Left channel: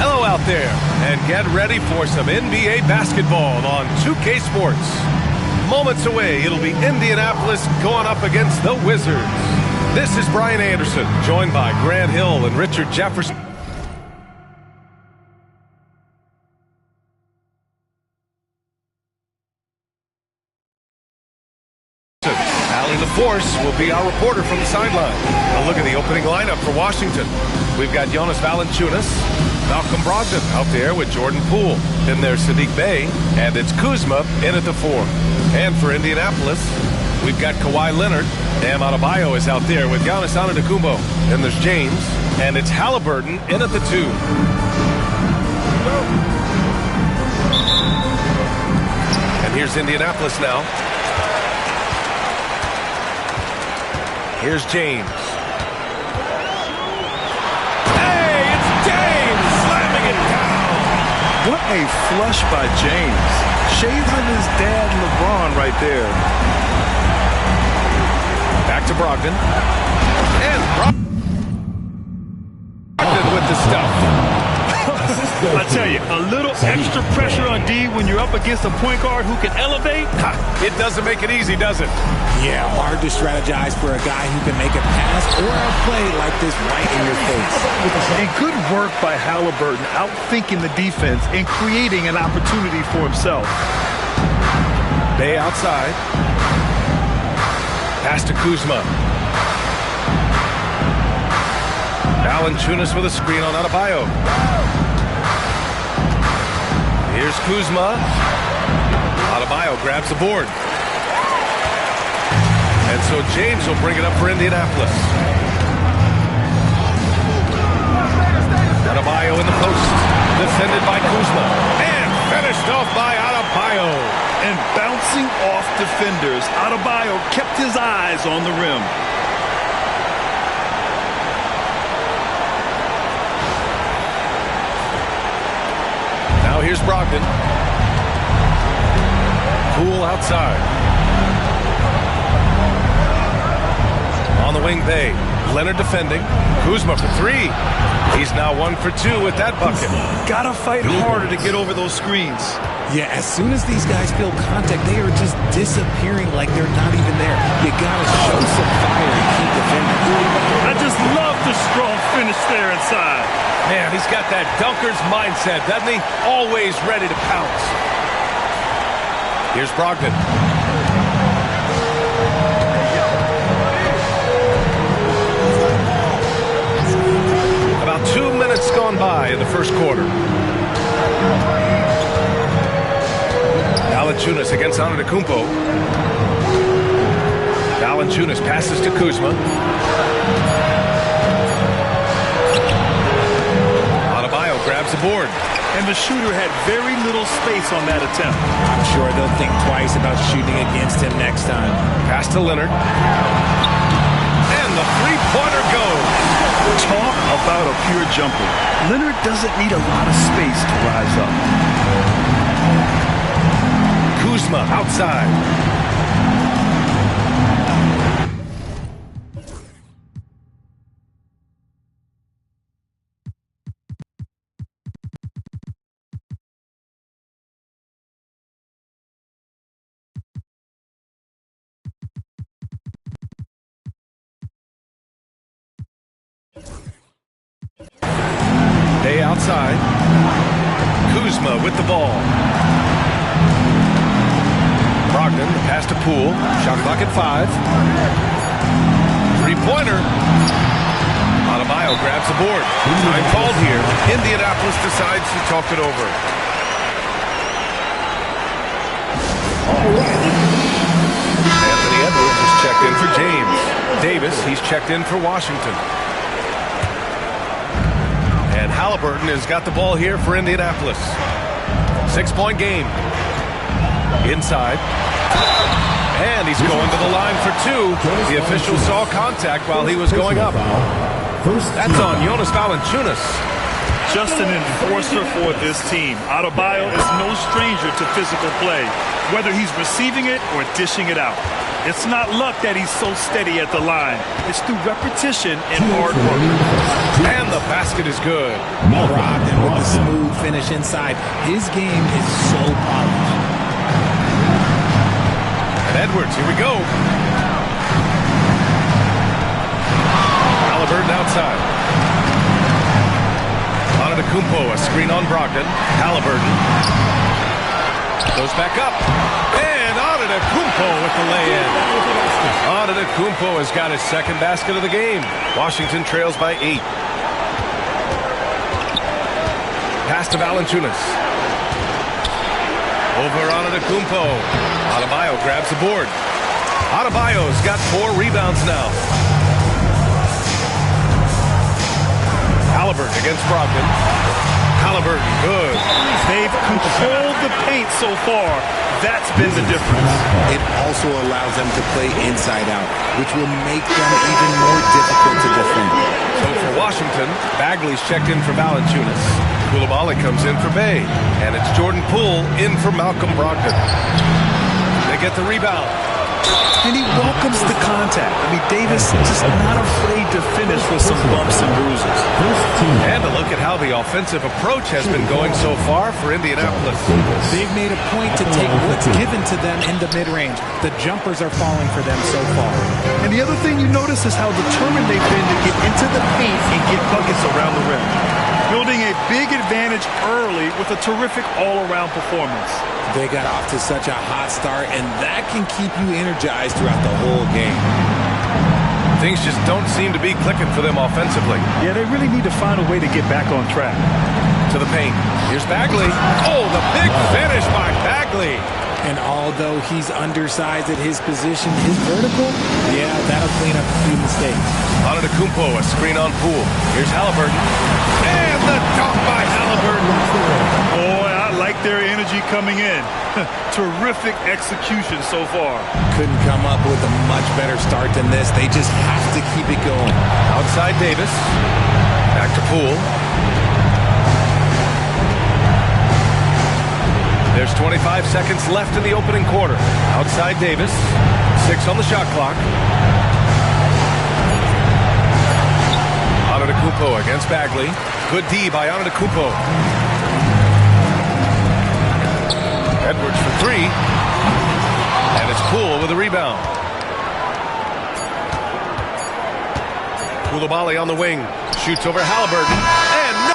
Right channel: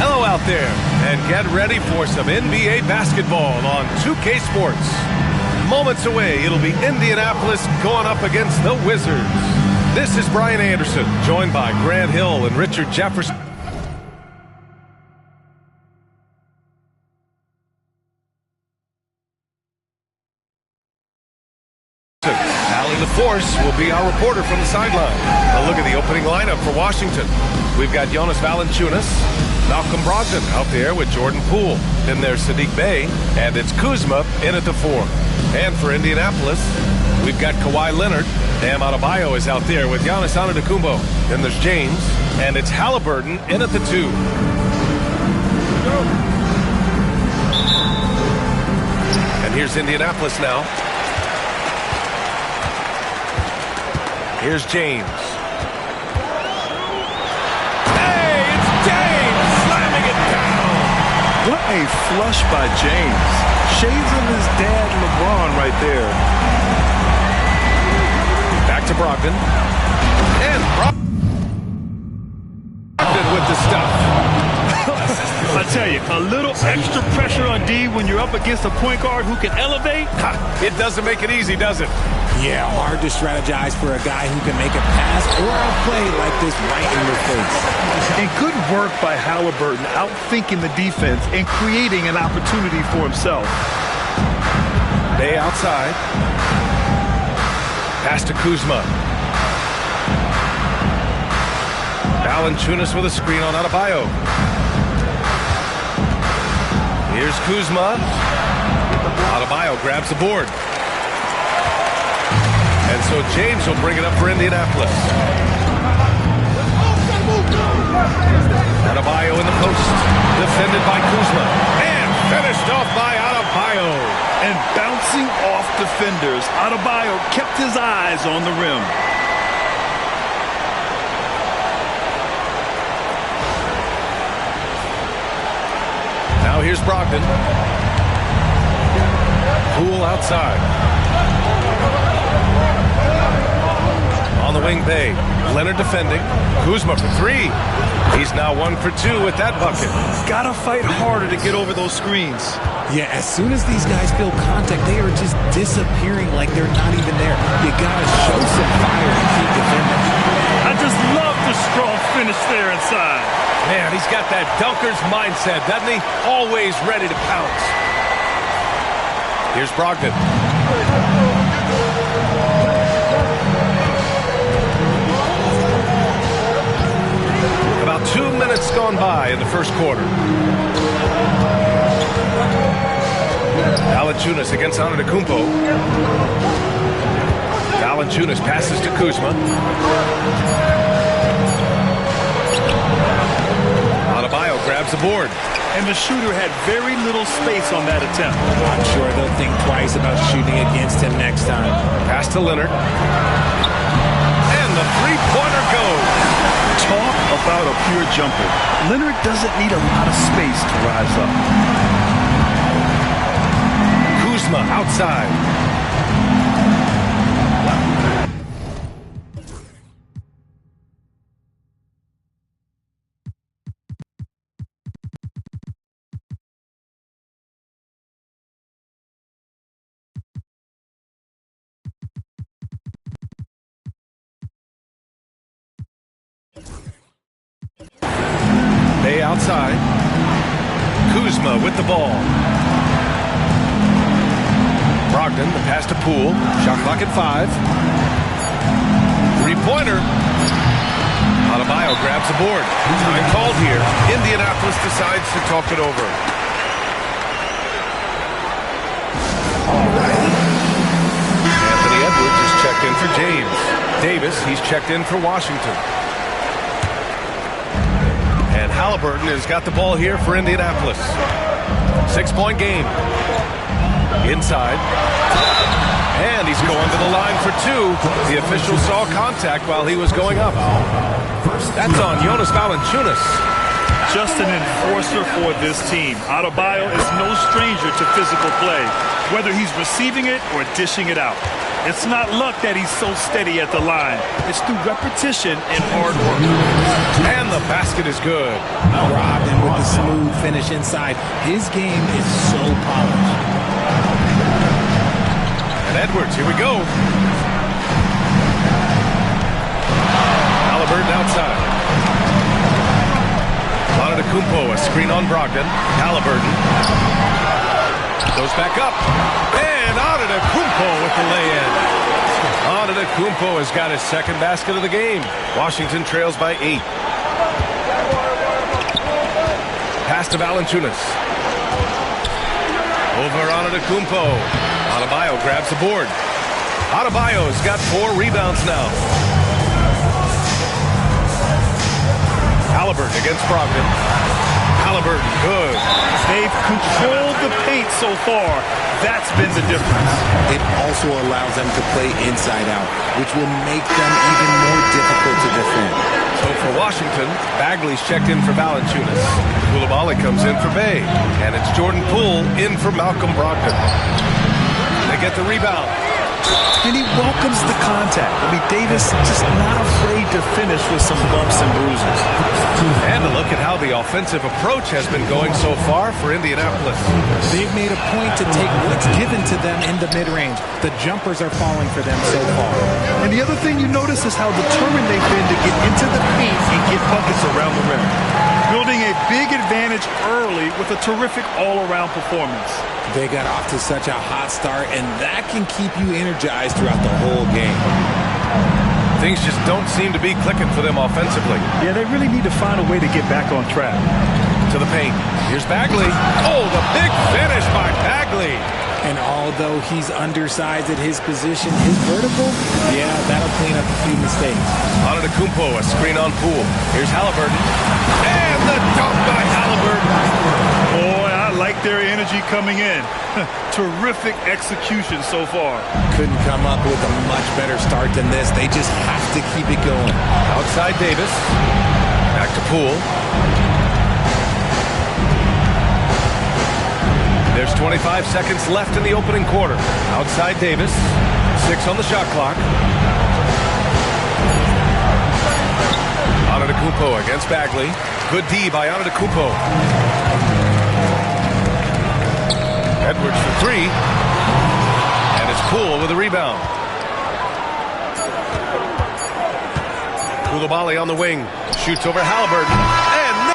Hello out there, and get ready for some NBA basketball on 2K Sports. Moments away, it'll be Indianapolis going up against the Wizards. This is Brian Anderson, joined by Grant Hill and Richard Jefferson. Allie LaForce will be our reporter from the sideline. A look at the opening lineup for Washington. We've got Jonas Valanciunas, Malcolm Brogdon out there with Jordan Poole. Then there's Saddiq Bey, and it's Kuzma in at the 4. And for Indianapolis, we've got Kawhi Leonard. Bam Adebayo is out there with Giannis Antetokounmpo. Then there's James, and it's Halliburton in at the 2. And here's Indianapolis now. Here's James. Hey, it's James slamming it down. What a flush by James. Shades of his dad, LeBron, right there. Back to Brogdon. And Brogdon with the stuff. I tell you, a little extra pressure on D when you're up against a point guard who can elevate. It doesn't make it easy, does it? Yeah, hard to strategize for a guy who can make a pass or a play like this right in your face. And good work by Halliburton, outthinking the defense and creating an opportunity for himself. Bey outside. Pass to Kuzma. Valanciunas with a screen on Adebayo. Here's Kuzma. Adebayo grabs the board. And so James will bring it up for Indianapolis. Adebayo in the post. Defended by Kuzma. And finished off by Adebayo. And bouncing off defenders, Adebayo kept his eyes on the rim. Now here's Brogdon. Poole outside. On the wing, Bey. Leonard defending. Kuzma for 3. He's now 1 for 2 with that bucket. Gotta fight harder to get over those screens. Yeah, as soon as these guys feel contact, they are just disappearing like they're not even there. You gotta show some fire and keep defending. I just love the strong finish there inside. Man, he's got that dunker's mindset, doesn't he? Always ready to pounce. Here's Brogdon. About 2 minutes gone by in the first quarter. Valanciunas against Antetokounmpo. Valanciunas passes to Kuzma. Adebayo grabs the board. And the shooter had very little space on that attempt. I'm sure they'll think twice about shooting against him next time. Pass to Leonard. And the three-pointer goes. Talk about a pure jumper. Leonard doesn't need a lot of space to rise up. Kuzma outside. Bey outside. Kuzma with the ball. Brogdon, the pass to Poole. Shot clock at 5. Three-pointer. Adebayo grabs the board. Time called here. Indianapolis decides to talk it over. Anthony Edwards is checked in for James. Davis, he's checked in for Washington. And Halliburton has got the ball here for Indianapolis. 6-point game. Inside. And he's going to the line for 2. The official saw contact while he was going up. That's on Jonas Valanciunas. Just an enforcer for this team. Adebayo is no stranger to physical play, whether he's receiving it or dishing it out. It's not luck that he's so steady at the line. It's through repetition and hard work. And the basket is good. Brogdon with the smooth finish inside. His game is so polished. And Edwards, here we go. Halliburton outside. Antetokounmpo, a screen on Brogdon. Halliburton goes back up. And Antetokounmpo with the lay-in. Antetokounmpo has got his second basket of the game. Washington trails by 8. Pass to Valanciunas. Over Antetokounmpo. Adebayo grabs the board. Adebayo's got 4 rebounds now. Halliburton against Brogdon. Halliburton, good. They've controlled the paint so far. That's been the difference. It also allows them to play inside out, which will make them even more difficult to defend. So for Washington, Bagley's checked in for Valanciunas. Coulibaly comes in for Bay. And it's Jordan Poole in for Malcolm Brogdon. They get the rebound. And he welcomes the contact. I mean, Davis just not afraid to finish with some bumps and bruises. And a look at how the offensive approach has been going so far for Indianapolis. They've made a point to take what's given to them in the mid-range. The jumpers are falling for them so far. And the other thing you notice is how determined they've been to get into the paint and get buckets around the rim. Building a big advantage early with a terrific all-around performance. They got off to such a hot start, and that can keep you energized throughout the whole game. Things just don't seem to be clicking for them offensively. Yeah, they really need to find a way to get back on track. To the paint. Here's Bagley. Oh, the big finish by Bagley. And although he's undersized at his position, his vertical, yeah, that'll clean up a few mistakes. Antetokounmpo, a screen on Poole. Here's Halliburton. And the dunk by Halliburton. Boy, I like their energy coming in. Terrific execution so far. Couldn't come up with a much better start than this. They just have to keep it going. Outside Davis. Back to Poole. There's 25 seconds left in the opening quarter. Outside Davis. 6 on the shot clock. Antetokounmpo against Bagley. Good D by Antetokounmpo. Edwards for 3. And it's Poole with a rebound. Coulibaly on the wing. Shoots over Halliburton. And no.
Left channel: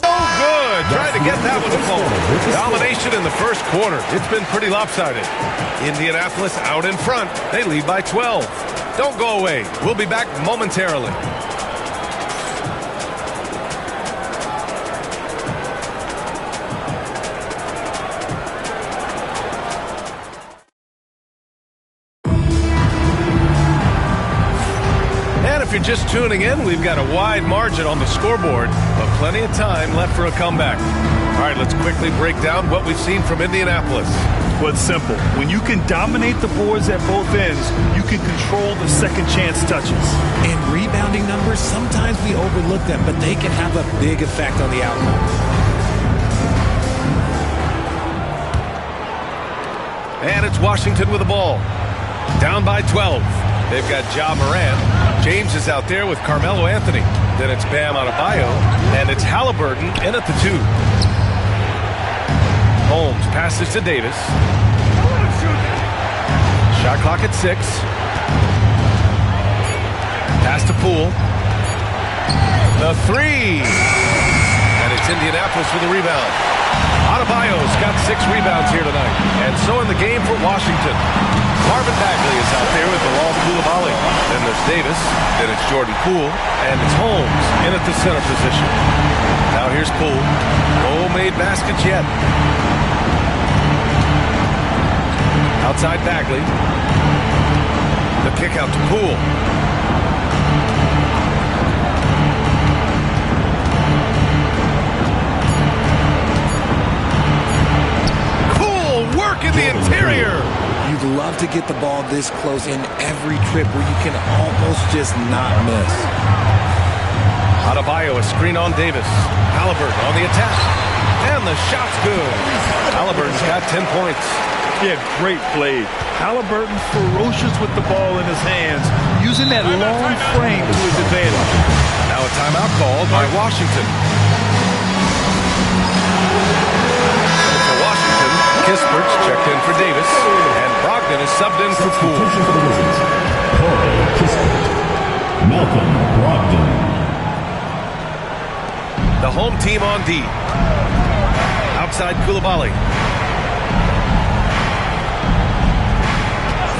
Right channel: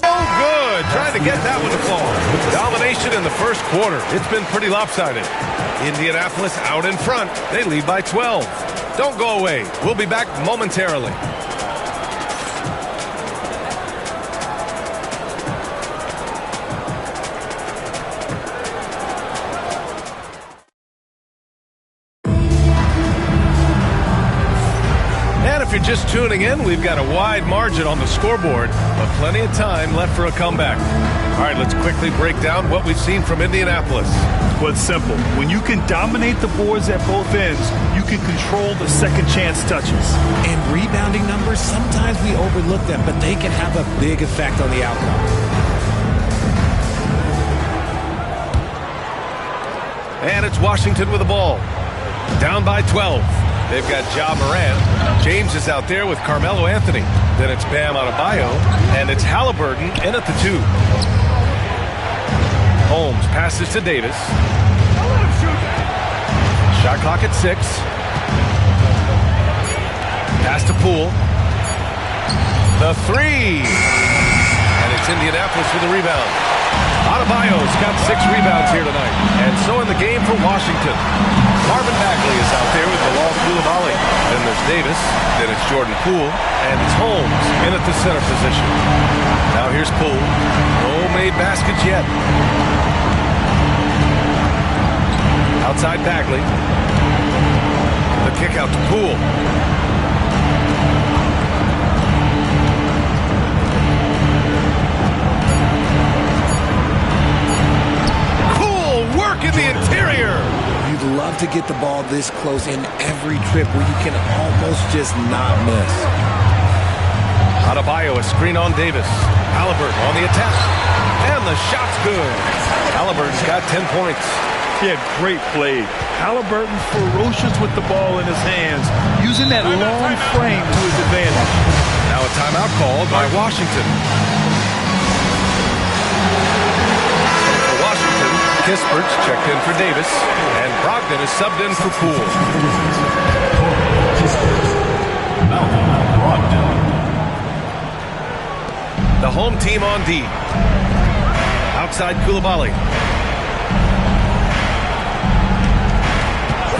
Good. Trying to get that one to fall. Domination in the first quarter. It's been pretty lopsided. Indianapolis out in front. They lead by 12. Don't go away. We'll be back momentarily. And if you're just tuning in, we've got a wide margin on the scoreboard, but plenty of time left for a comeback. All right, let's quickly break down what we've seen from Indianapolis. Well, it's simple. When you can dominate the boards at both ends, you can control the second chance touches. And rebounding numbers, sometimes we overlook them, but they can have a big effect on the outcome. And it's Washington with the ball. Down by 12. They've got Ja Morant. James is out there with Carmelo Anthony. Then it's Bam Adebayo. And it's Halliburton in at the 2. Holmes passes to Davis. Shot clock at 6. Pass to Poole. The 3. And it's Indianapolis with a rebound. Adebayo's got 6 rebounds here tonight. And so in the game for Washington. Marvin Bagley is out there with Bilal Coulibaly. Then there's Davis. Then it's Jordan Poole. And it's Holmes in at the center position. Now here's Poole. No made baskets yet. Outside Bagley. The kick out to Poole. in the interior. You'd love to get the ball this close in every trip where you can almost just not miss. Adebayo, a screen on Davis. Halliburton on the attack. And the shot's good. Halliburton's got 10 points. Yeah, great play. Halliburton ferocious with the ball in his hands, using that long frame to his advantage. Now a timeout called by Washington. So for Washington, Kispert's checked in for Davis, and Brogdon is subbed in for Poole. Malcolm Brogdon. The home team on D. Outside Coulibaly.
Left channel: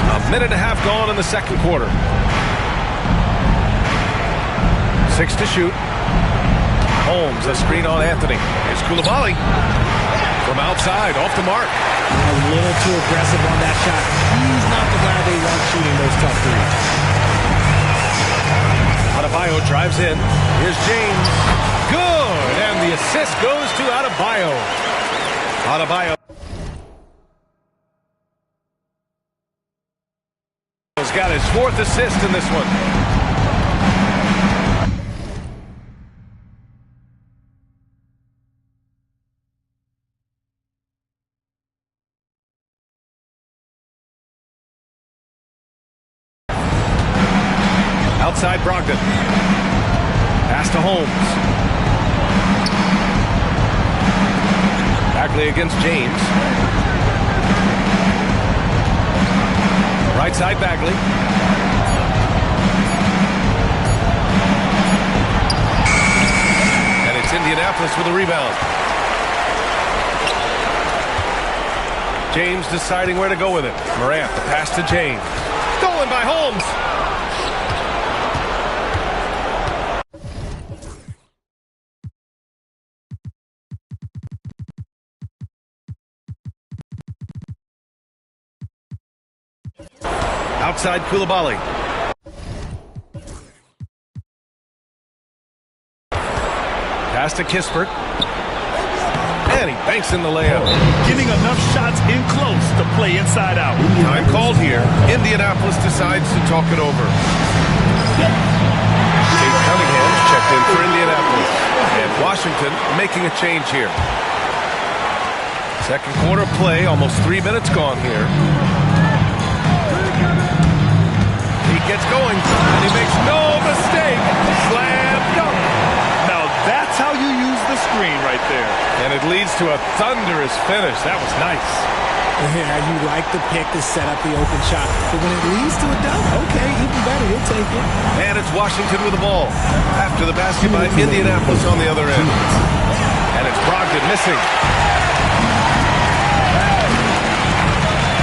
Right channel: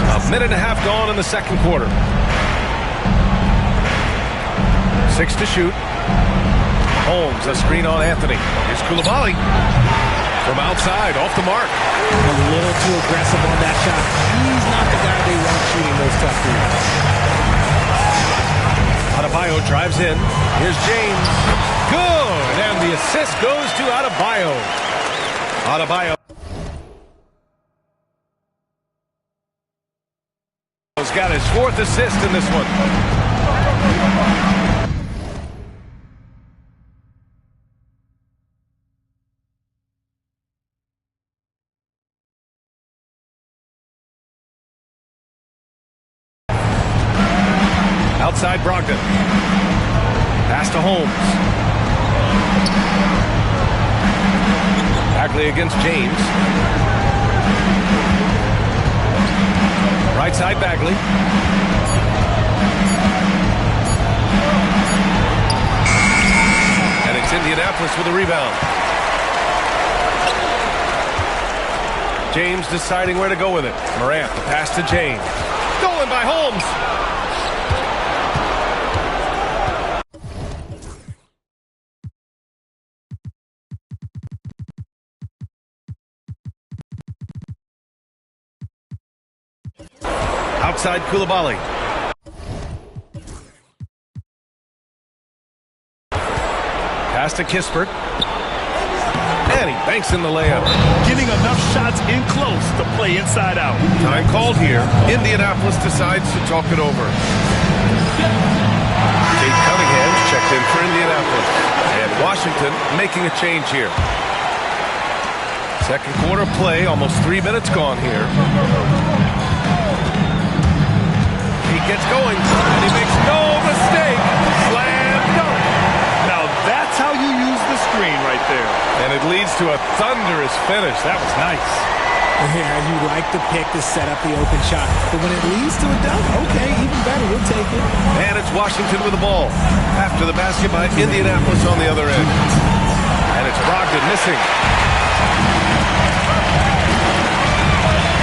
A minute and a half gone in the second quarter. 6 to shoot. Holmes, a screen on Anthony. Here's Coulibaly. From outside, off the mark. A little too aggressive on that shot. He's not the guy they want shooting those tough threes. Adebayo drives in. Here's James. Good! And the assist goes to Adebayo. Adebayo has got his 4th assist in this one. Outside Brogdon. Pass to Holmes. Bagley against James. Right side Bagley. And it's Indianapolis with a rebound. James deciding where to go with it. Morant, the pass to James. Stolen by Holmes. Outside Coulibaly. Pass to Kispert. And he banks in the layup. Getting enough shots in close to play inside out. Time called here. Indianapolis decides to talk it over. Tate Cunningham's checked in for Indianapolis. And Washington making a change here. Second quarter play, almost 3 minutes gone here. He gets going, and he makes no mistake. Slam dunk. Now that's how you use the screen right there. And it leads to a thunderous finish. That was nice. Yeah, you like the pick to set up the open shot. But when it leads to a dunk, okay, even better, you'll take it. And it's Washington with the ball. After the basket by Indianapolis on the other end. And it's Brogdon missing.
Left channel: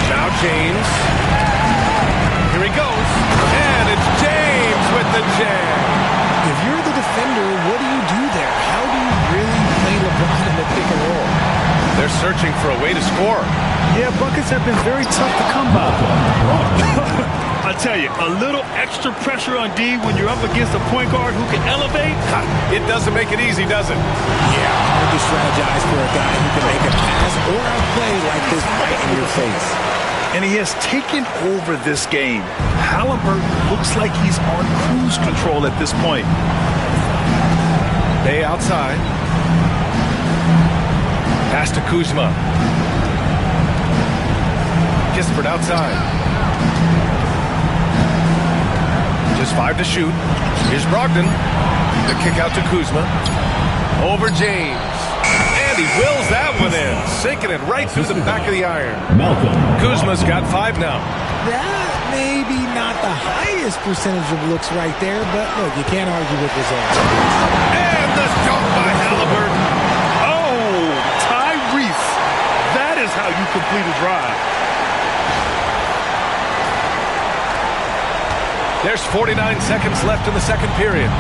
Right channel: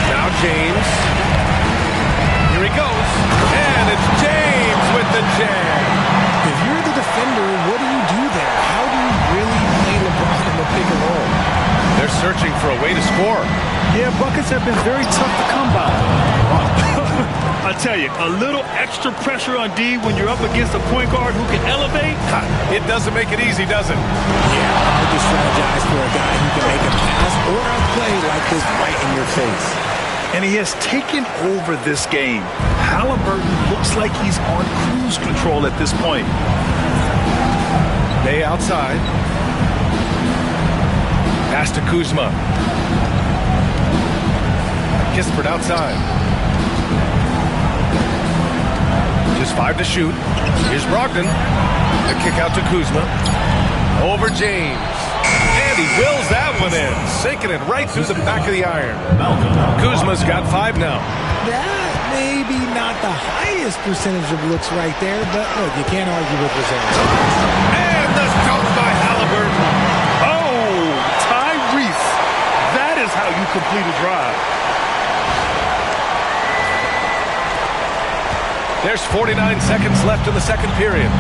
Now James. Here he goes. And it's James with the jam. If you're the defender, what do you do there? How do you really play LeBron in the pick and roll? They're searching for a way to score. Yeah, buckets have been very tough to come by. I tell you, a little extra pressure on D when you're up against a point guard who can elevate. It doesn't make it easy, does it? Yeah, hard to strategize for a guy who can make a pass or a play like this right in your face. And he has taken over this game. Halliburton looks like he's on cruise control at this point. Bay outside. Pass to Kuzma. Kispert outside. Just 5 to shoot. Here's Brogdon. The kick out to Kuzma. Over James. And he wills that one in. Sinking it right through the back of the iron. Kuzma's got 5 now. That may be not the highest percentage of looks right there, but look, you can't argue with results. And the dunk by Halliburton. Oh, Tyrese. That is how you complete a drive. There's 49 seconds left in the second period.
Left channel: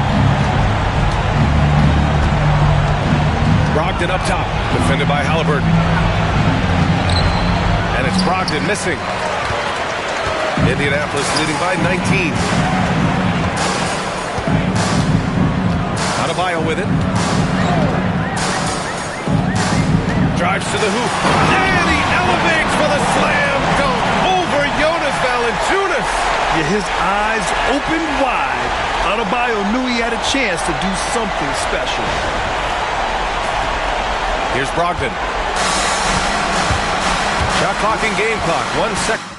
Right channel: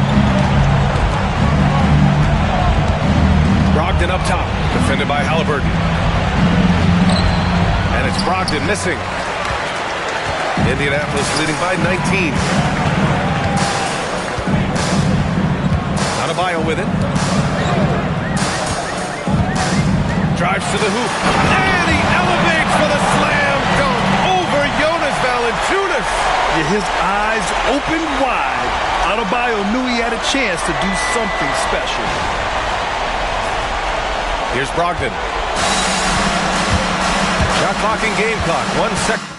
Brogdon up top, defended by Halliburton. And it's Brogdon missing. Indianapolis leading by 19. Adebayo with it. Drives to the hoop. And he elevates for the slam dunk over Jonas Valanciunas. Yeah, his eyes open wide. Adebayo knew he had a chance to do something special. Here's Brogdon. Shot clock and game clock. 1 second.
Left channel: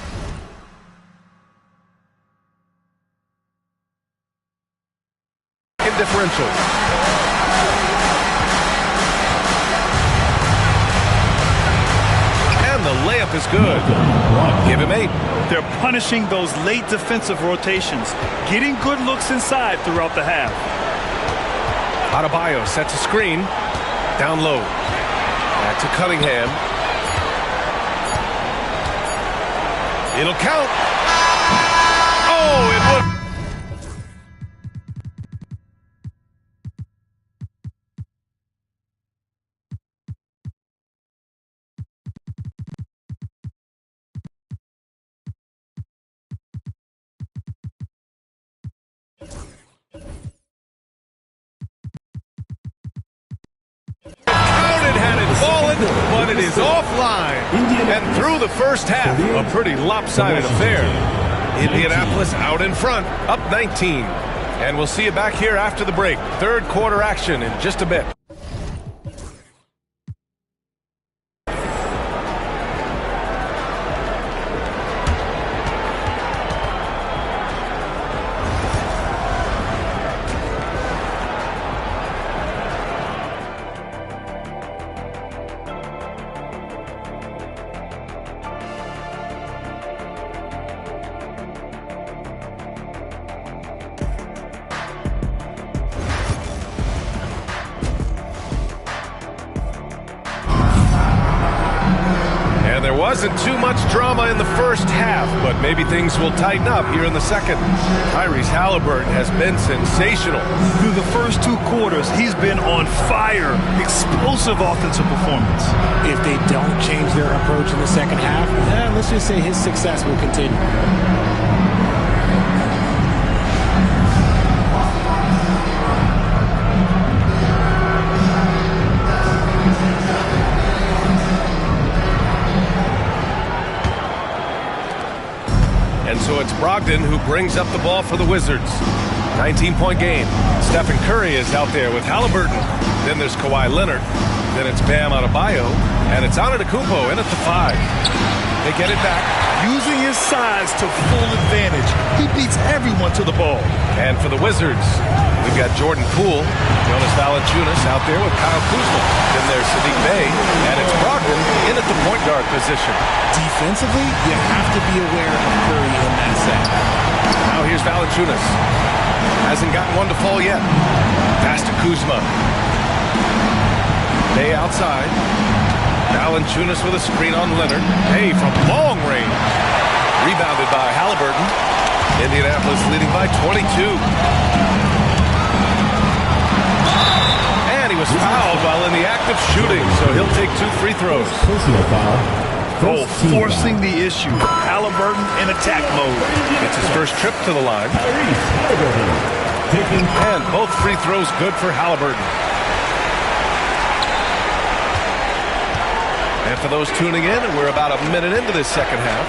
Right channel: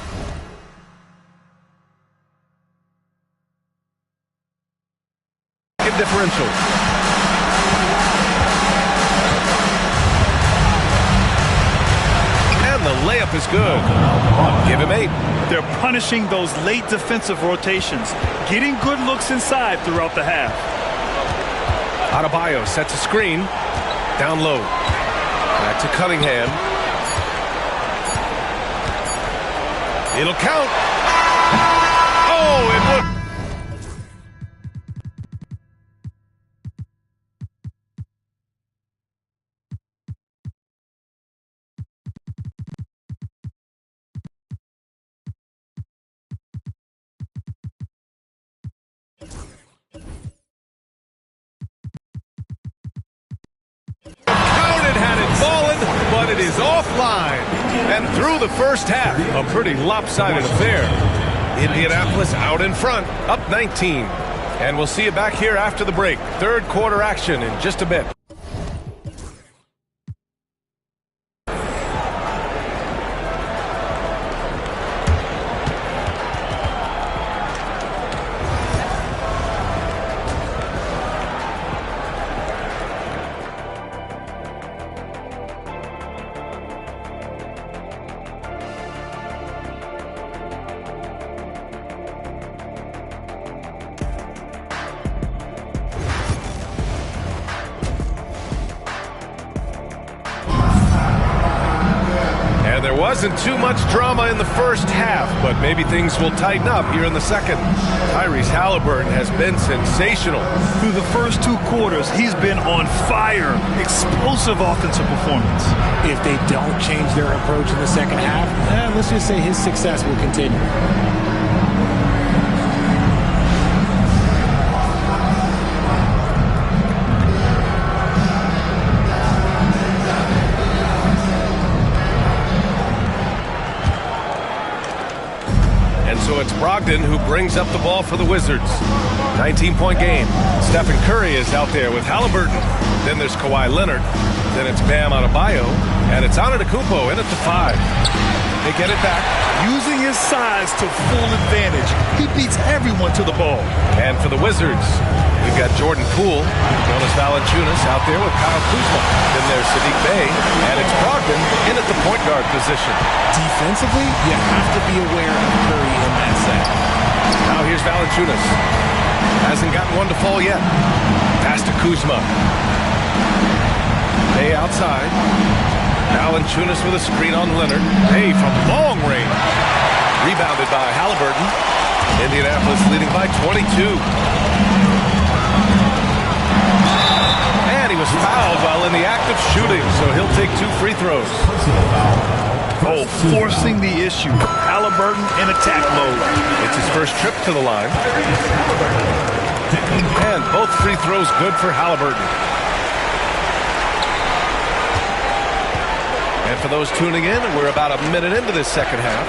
Differential. And the layup is good. Give him 8. They're punishing those late defensive rotations, getting good looks inside throughout the half. Adebayo sets a screen. Down low. Back to Cunningham. It'll count. Oh, it would. Had it fallen, but it is offline. And through the first half, a pretty lopsided affair. Indianapolis out in front, up 19. And we'll see you back here after the break. Third quarter action in just a bit. And there wasn't too much drama in the first half, but maybe things will tighten up here in the second. Tyrese Halliburton has been sensational. Through the first 2 quarters, he's been on fire. Explosive offensive performance. If they don't change their approach in the second half, let's just say his success will continue. And so it's Brogdon who brings up the ball for the Wizards. 19-point game. Stephen Curry is out there with Halliburton. Then there's Kawhi Leonard. Then it's Bam Adebayo. And it's Antetokounmpo in at the 5. They get it back. Using his size to full advantage. He beats everyone to the ball. And for the Wizards, we've got Jordan Poole, Jonas Valanciunas out there with Kyle Kuzma. Then there's Sadiq Bey, and it's Brogdon in at the point guard position. Defensively, you have to be aware of Curry in that set. Now here's Valanciunas. Hasn't gotten one to fall yet. Pass to Kuzma. Bey outside. Valanciunas with a screen on Leonard. Bey from long range. Rebounded by Halliburton. Indianapolis leading by 22. And he was fouled while in the act of shooting, so he'll take 2 free throws. Personal foul. Oh, forcing the issue. Halliburton in attack mode. It's his first trip to the line. And both free throws good for Halliburton. And for those tuning in, we're about a minute into this second half.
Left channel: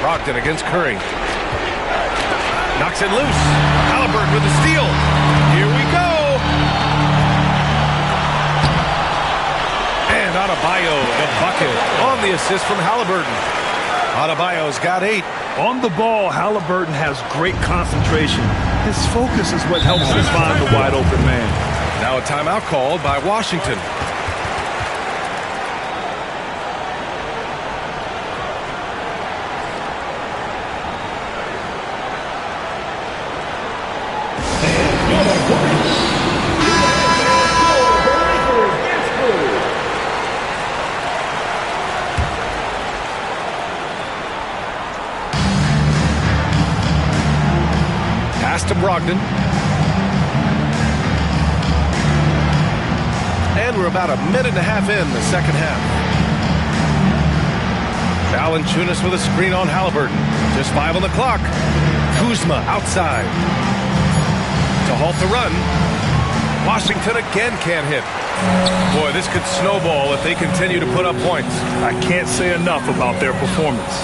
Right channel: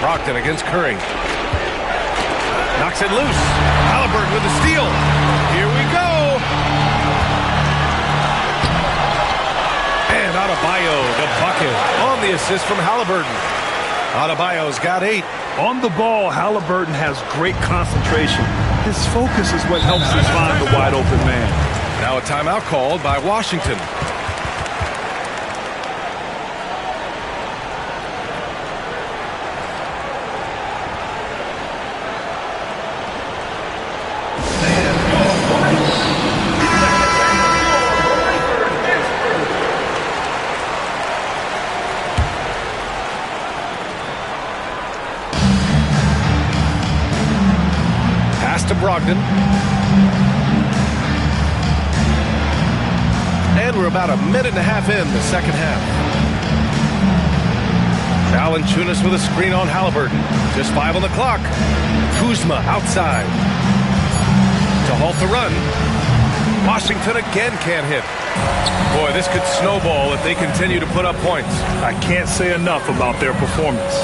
Brogdon against Curry. Knocks it loose. Halliburton with the steal. Here we go. And Adebayo, the bucket, on the assist from Halliburton. Adebayo's got 8. On the ball, Halliburton has great concentration. His focus is what helps him find the wide open man. Now a timeout called by Washington. Pass to Brogdon. And we're about a minute and a half in the second half. Valanciunas with a screen on Halliburton. Just 5 on the clock. Kuzma outside. To halt the run. Washington again can't hit. Boy, this could snowball if they continue to put up points. I can't say enough about their performance.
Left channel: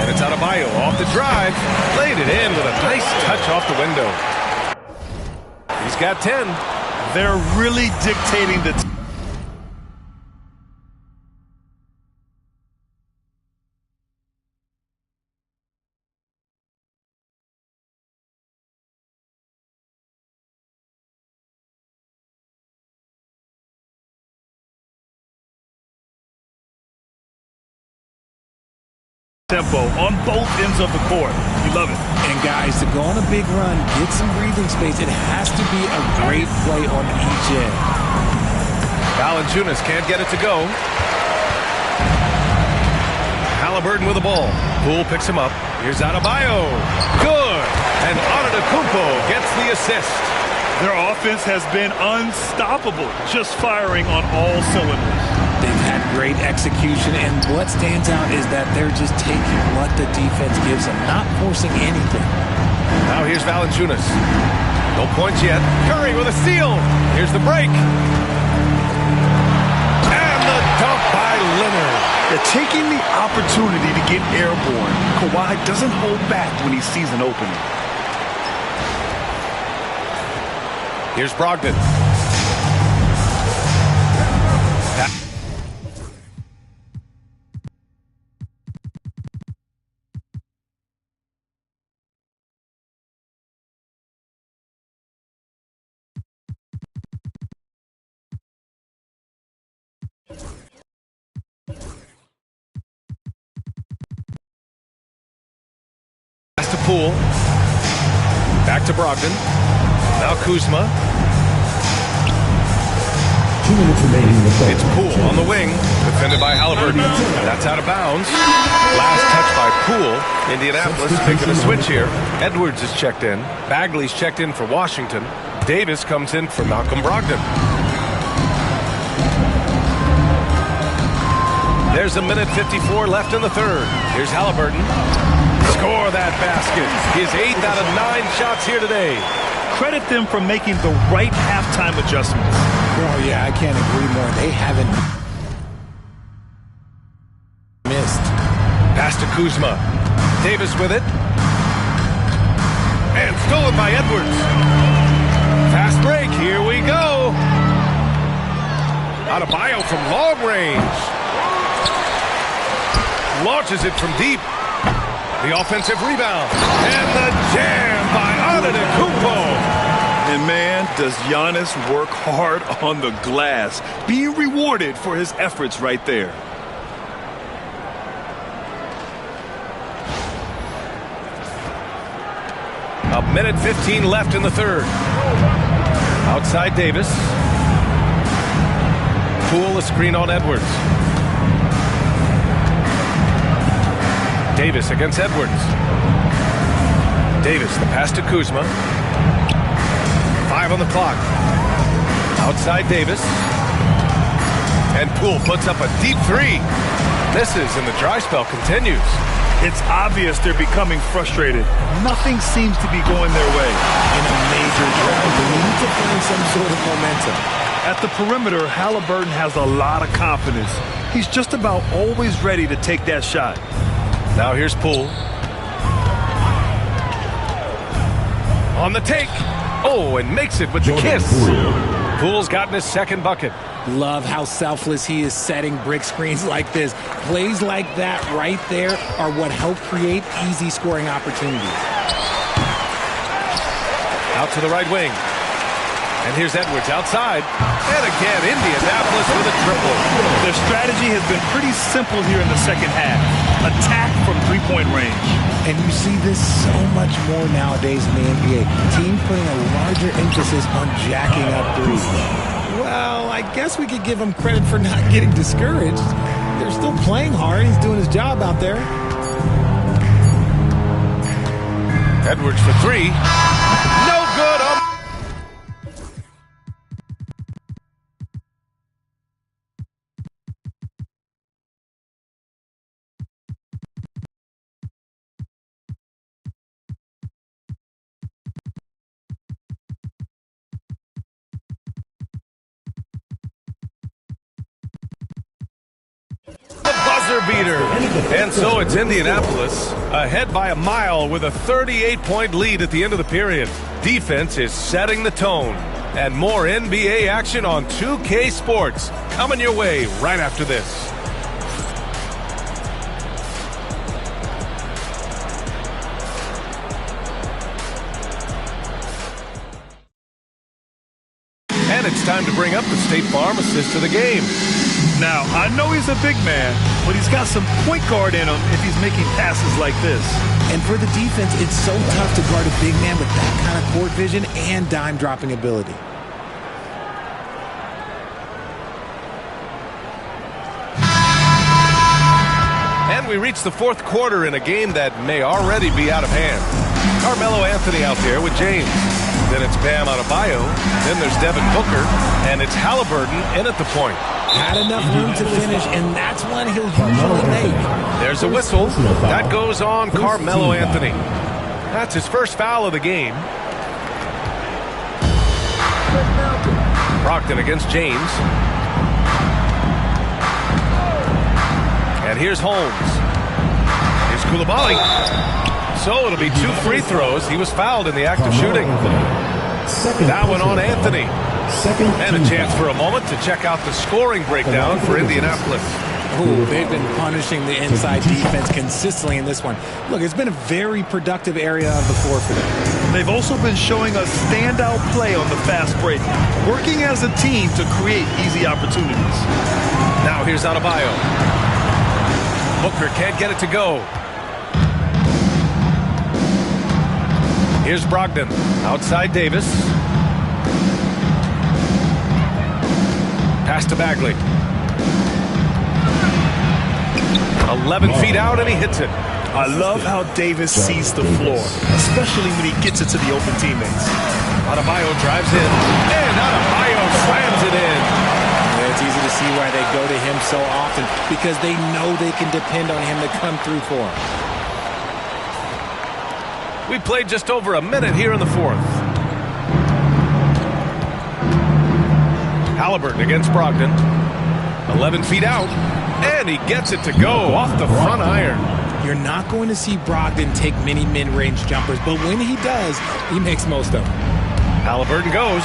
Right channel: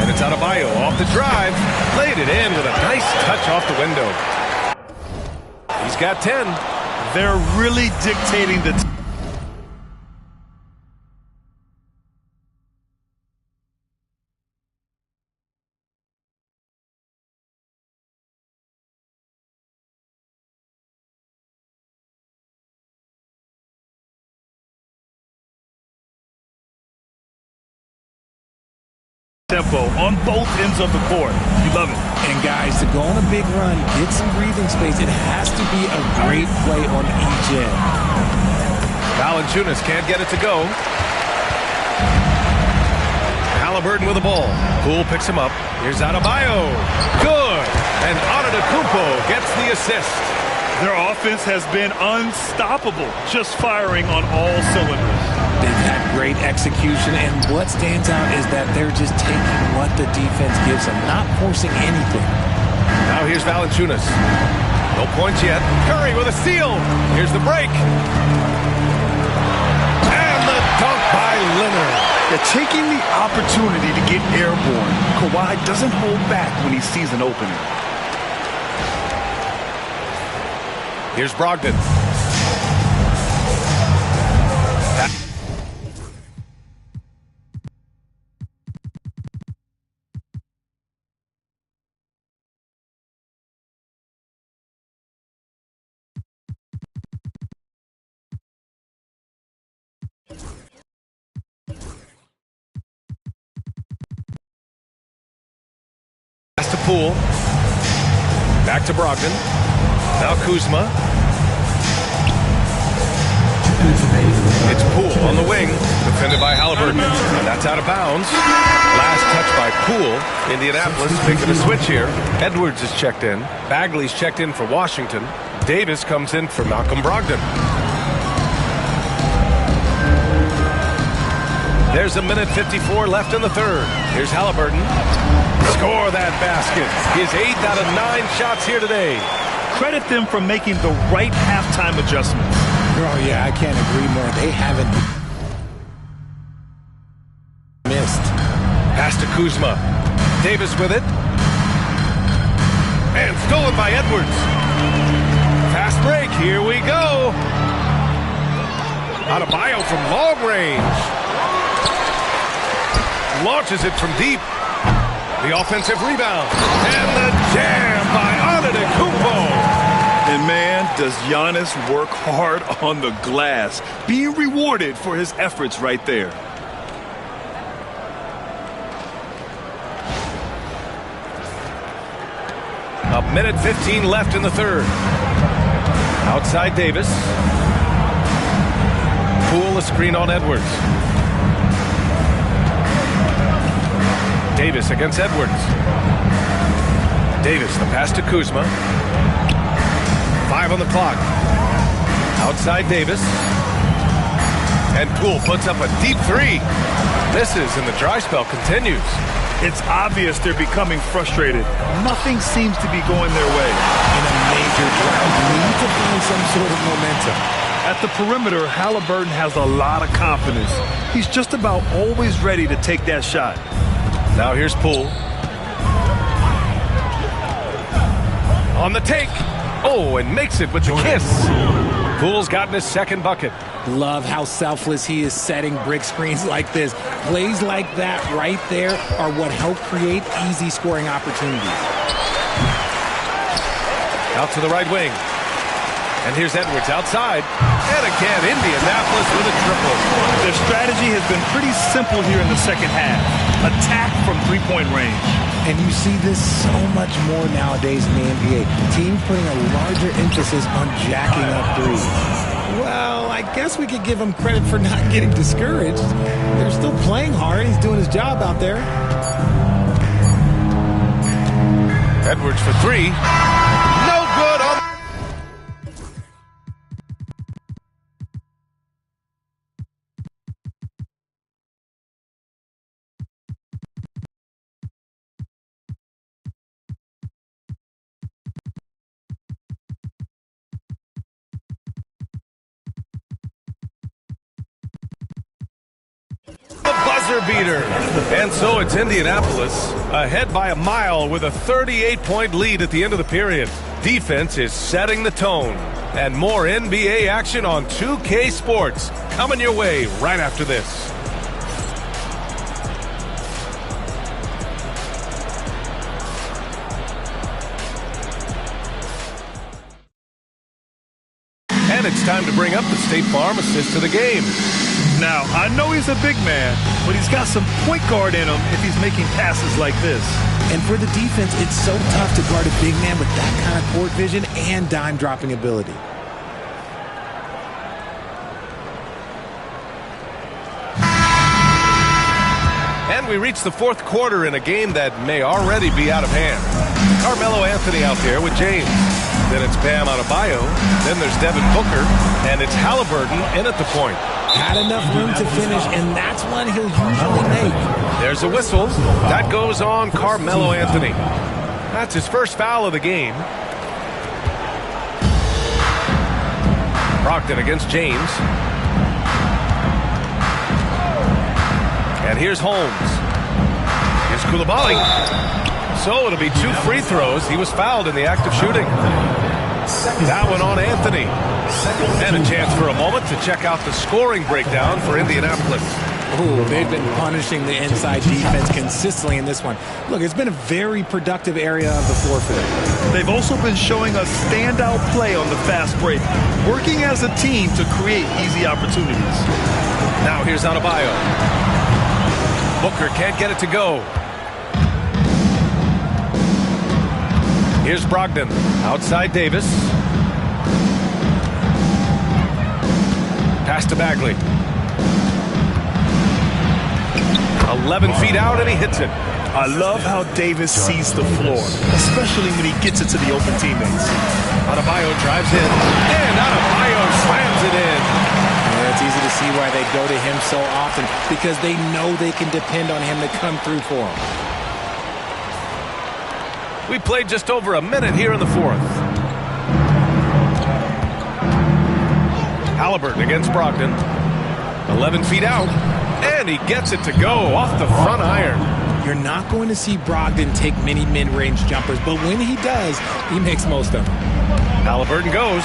And it's Adebayo off the drive. Laid it in with a nice touch off the window. He's got 10. They're really dictating the tempo on both ends of the court. You love it. And guys, to go on a big run, get some breathing space, it has to be a great play on each end. Valanciunas can't get it to go. Halliburton with the ball. Poole picks him up. Here's Adebayo. Good. And Antetokounmpo gets the assist. Their offense has been unstoppable, just firing on all cylinders. They've had great execution, and what stands out is that they're just taking what the defense gives them, not forcing anything. Now here's Valanciunas. No points yet. Curry with a steal. Here's the break. And the dunk by Leonard. They're taking the opportunity to get airborne. Kawhi doesn't hold back when he sees an opening. Here's Brogdon. Pass to Poole. Back to Brogdon. Now Kuzma. 2 minutes remaining in the third. It's Poole on the wing, defended by Halliburton, and that's out of bounds. Last touch by Poole. Indianapolis making a switch here. Edwards is checked in. Bagley's checked in for Washington. Davis comes in for Malcolm Brogdon. There's a minute 54 left in the third. Here's Halliburton. Score that basket. His 8th out of 9 shots here today. Credit them for making the right halftime adjustments. Oh, yeah, I can't agree more. They haven't missed. Pass to Kuzma. Davis with it. And stolen by Edwards. Fast break. Here we go. Adebayo from long range. Launches it from deep. The offensive rebound. And the jam by Antetokounmpo. And man, does Giannis work hard on the glass, being rewarded for his efforts right there. A minute 15 left in the third. Outside Davis. Poole a screen on Edwards. Davis against Edwards. Davis, the pass to Kuzma. 5 on the clock. Outside Davis. And Poole puts up a deep 3. Misses, and the dry spell continues. It's obvious they're becoming frustrated. Nothing seems to be going their way. In a major drought, we need to find some sort of momentum. At the perimeter, Halliburton has a lot of confidence. He's just about always ready to take that shot. Now here's Poole. On the take. Oh, and makes it with the kiss. Poole's gotten his second bucket. Love how selfless he is setting brick screens like this. Plays like that right there are what help create easy scoring opportunities. Out to the right wing. And here's Edwards outside. And again, Indianapolis with a triple. Their strategy has been pretty simple here in the second half. Attack from three-point range. And you see this so much more nowadays in the NBA. Teams putting a larger emphasis on jacking up threes. Well, I guess we could give him credit for not getting discouraged. They're still playing hard. He's doing his job out there. Edwards for 3. No good on buzzer beater. And so it's Indianapolis ahead by a mile with a 38-point lead at the end of the period. Defense is setting the tone. And more NBA action on 2K Sports coming your way right after this. And it's time to bring up the State Farm assist to the game. Now, I know he's a big man, but he's got some point guard in him if he's making passes like this. And for the defense, it's so tough to guard a big man with that kind of court vision and dime-dropping ability. And we reach the fourth quarter in a game that may already be out of hand. Carmelo Anthony out there with James. Then it's Bam Adebayo. Then there's Devin Booker. And it's Halliburton in at the point. Had enough room to finish, and that's one he'll usually make. There's a whistle. That goes on Carmelo Anthony. That's his first foul of the game. Brogdon against James. And here's Holmes. Here's Coulibaly. So it'll be 2 free throws. He was fouled in the act of shooting. That one on Anthony. And a chance for a moment to check out the scoring breakdown for Indianapolis. Oh, they've been punishing the inside defense consistently in this one. Look, it's been a very productive area of the floor for them. They've also been showing us standout play on the fast break, working as a team to create easy opportunities. Now here's Adebayo. Booker can't get it to go. Here's Brogdon. Outside Davis. Pass to Bagley. 11 feet out, and he hits it. I love how Davis sees the floor, especially when he gets it to the open teammates. Adebayo drives in, and Adebayo slams it in. Yeah, it's easy to see why they go to him so often, because they know they can depend on him to come through for them. We played just over a minute here in the fourth. Halliburton against Brogdon. 11 feet out, and he gets it to go off the front iron. You're not going to see Brogdon take many mid-range jumpers, but when he does, he makes most of them. Halliburton goes.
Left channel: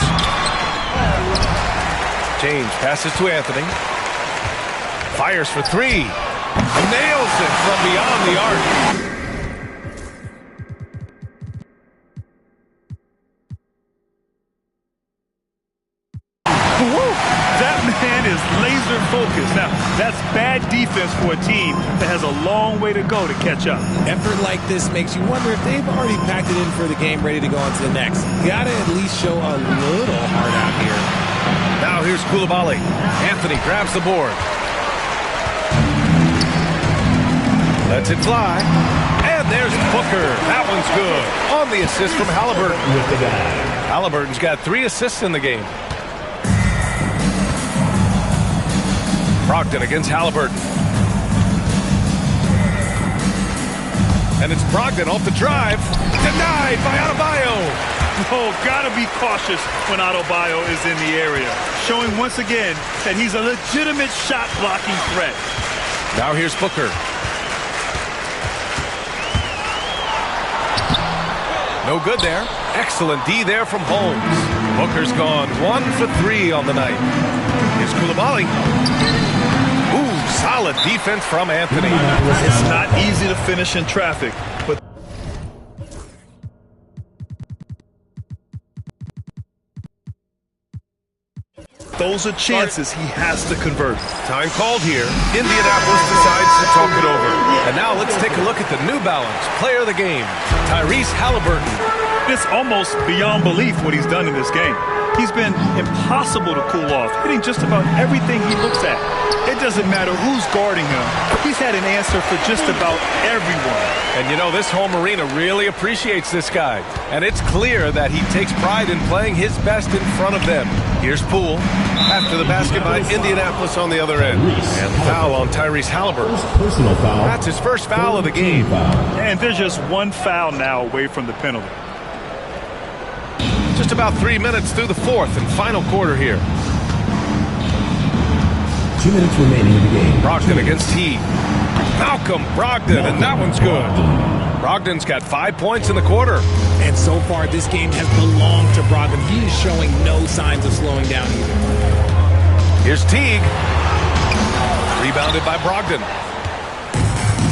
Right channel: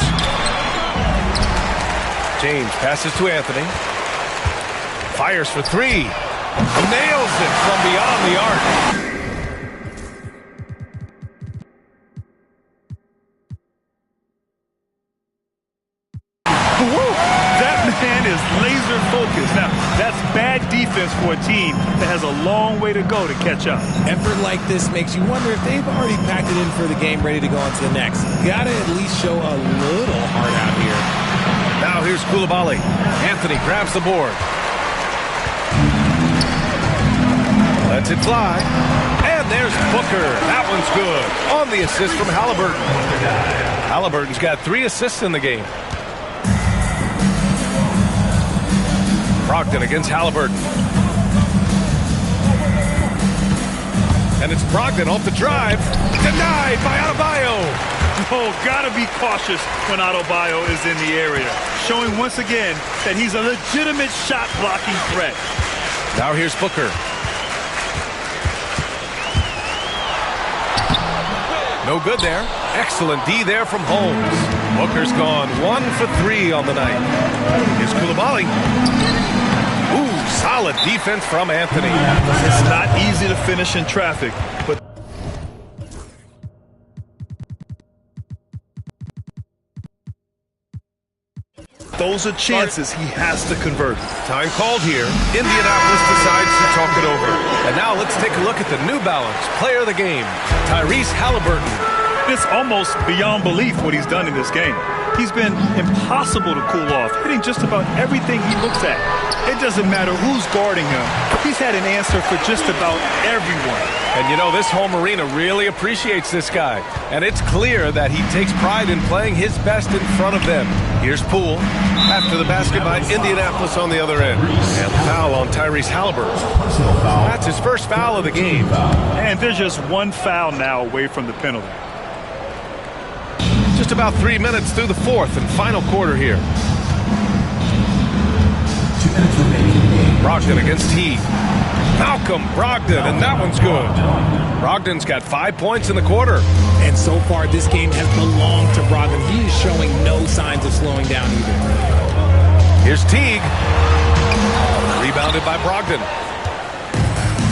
James passes to Anthony. Fires for 3. Nails it from beyond the arc. That man is laser focused. Now, that's bad defense for a team that has a long way to go to catch up. Effort like this makes you wonder if they've already packed it in for the game, ready to go on to the next. Gotta at least show a little heart out here. Now here's Coulibaly. Anthony grabs the board. Lets it fly. And there's Booker. That one's good. On the assist from Halliburton. Halliburton's got 3 assists in the game. Brogdon against Halliburton. And it's Brogdon off the drive. Denied by Adebayo. Oh, gotta be cautious when Adebayo is in the area. Showing once again that he's a legitimate shot-blocking threat. Now here's Booker. No good there. Excellent D there from Holmes. Booker's gone 1 for 3 on the night. Here's Coulibaly. Ooh, solid defense from Anthony. It's not easy to finish in traffic, but those are chances he has to convert. Time called here. Indianapolis decides to talk it over. And now let's take a look at the New Balance player of the game, Tyrese Halliburton. It's almost beyond belief what he's done in this game. He's been impossible to cool off, hitting just about everything he looks at. It doesn't matter who's guarding him. He's had an answer for just about everyone. And you know, this home arena really appreciates this guy. And it's clear that he takes pride in playing his best in front of them. Here's Poole. After the basket by Indianapolis on the other end. And the foul on Tyrese Halliburton. That's his first foul of the game. And there's just 1 foul now away from the penalty. Just about 3 minutes through the fourth and final quarter here. 2 minutes remaining in the game. Brogdon against T. Malcolm Brogdon, and that one's good. Brogdon's got 5 points in the quarter. And so far, this game has belonged to Brogdon. He is showing no signs of slowing down either. Here's Teague. Rebounded by Brogdon.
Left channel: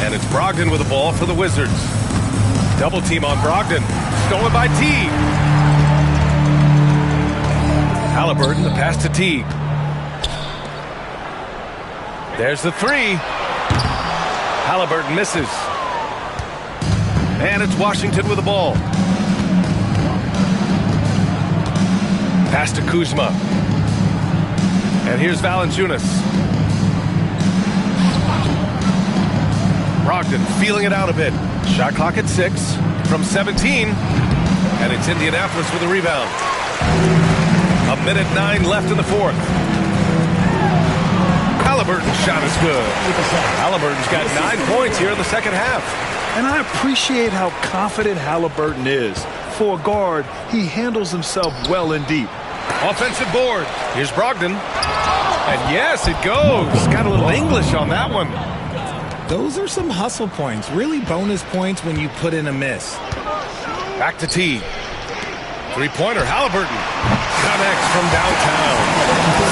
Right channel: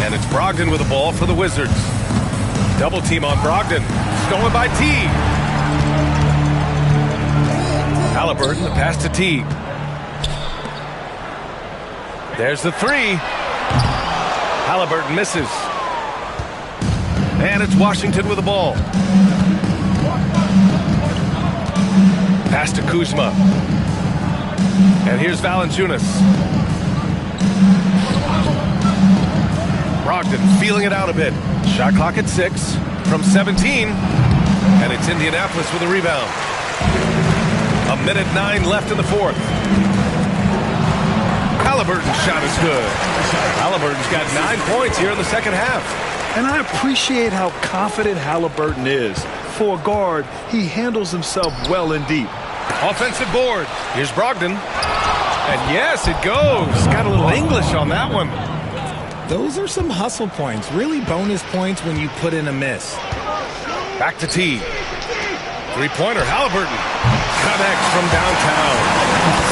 And it's Brogdon with the ball for the Wizards. Double team on Brogdon. Stolen by Teague. Halliburton, the pass to Teague. There's the three. Halliburton misses. And it's Washington with the ball. Pass to Kuzma. And here's Valanciunas. Brogdon feeling it out a bit. Shot clock at 6 from 17. And it's Indianapolis with a rebound. 1:09 left in the fourth. Halliburton's shot is good. Halliburton's got 9 points here in the second half. And I appreciate how confident Halliburton is. For a guard, he handles himself well and deep. Offensive board. Here's Brogdon. And yes, it goes. Got a little English on that one. Those are some hustle points. Really bonus points when you put in a miss. Back to T. Three-pointer, Halliburton. Connects from downtown.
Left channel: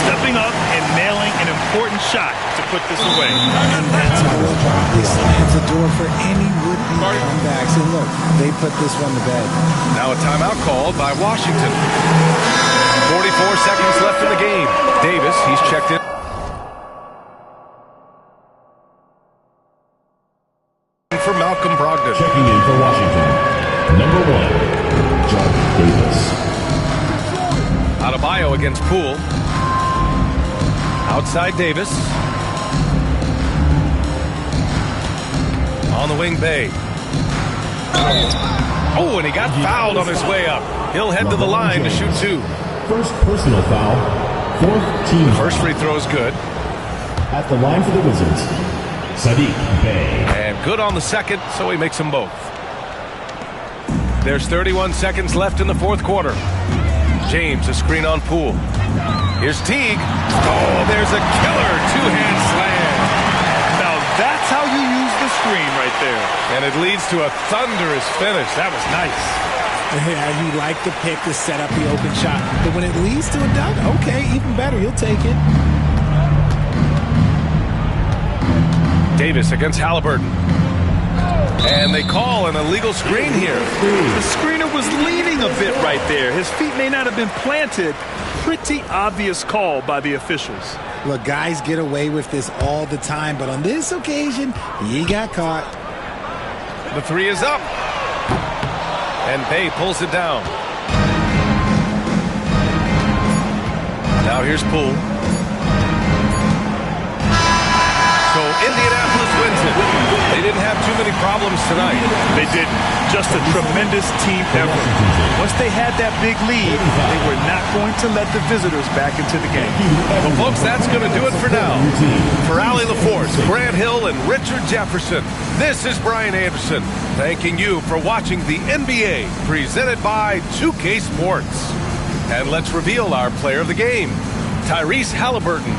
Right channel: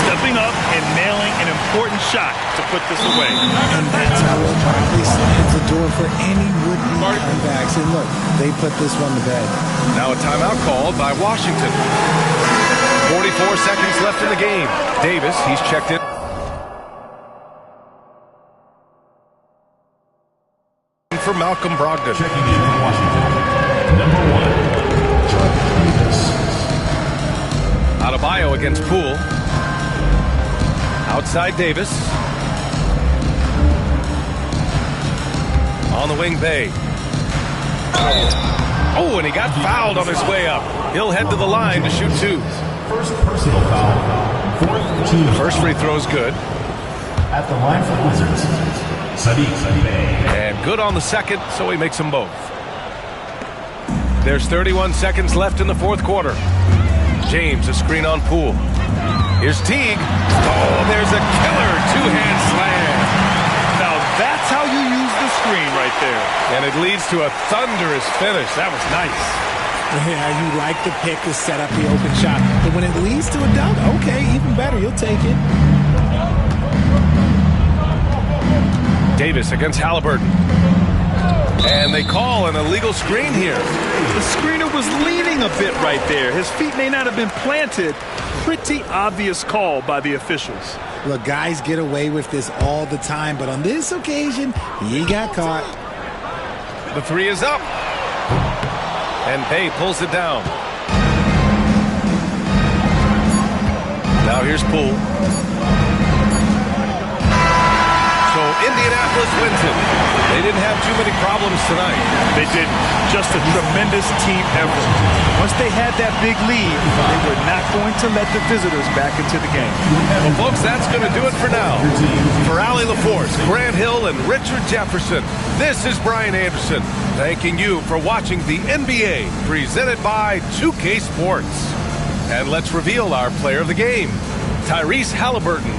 Stepping up and nailing an important shot to put this away. And that score probably slams the door for any would-be comebacks. And look, they put this one to bed. Now a timeout called by Washington. 44 seconds left in the game. Davis, he's checked in. For Malcolm Brogdon. Checking in for Washington. Number 1, Judge Davis. Adebayo against Poole. Outside Davis. On the wing, Bay. Oh, and he got fouled on his way up. He'll head to the line to shoot 2. First personal foul. 4th team. The first free throw is good. At the line for the Wizards, Sadiq Bey. And good on the second, so he makes them both. There's 31 seconds left in the fourth quarter. James, a screen on Poole. Here's Teague. Oh, there's a killer two-hand slam. Now that's how you use the screen right there. And it leads to a thunderous finish. That was nice. Yeah, you like the pick to set up the open shot. But when it leads to a dunk, okay, even better. You'll take it. Davis against Halliburton. And they call an illegal screen here. The screener was leaning a bit right there. His feet may not have been planted. Pretty obvious call by the officials. Look, guys get away with this all the time, but on this occasion, he got caught. The three is up. And Bay pulls it down. Now here's Poole. So Indianapolis wins it. They didn't have too many problems tonight. They didn't. Just a tremendous team effort. Once they had that big lead, they were not going to let the visitors back into the game. Well, folks, that's going to do it for now. For Allie LaForce, Grant Hill, and Richard Jefferson, this is Brian Anderson, thanking you for watching the NBA, presented by 2K Sports. And let's reveal our player of the game, Tyrese Halliburton.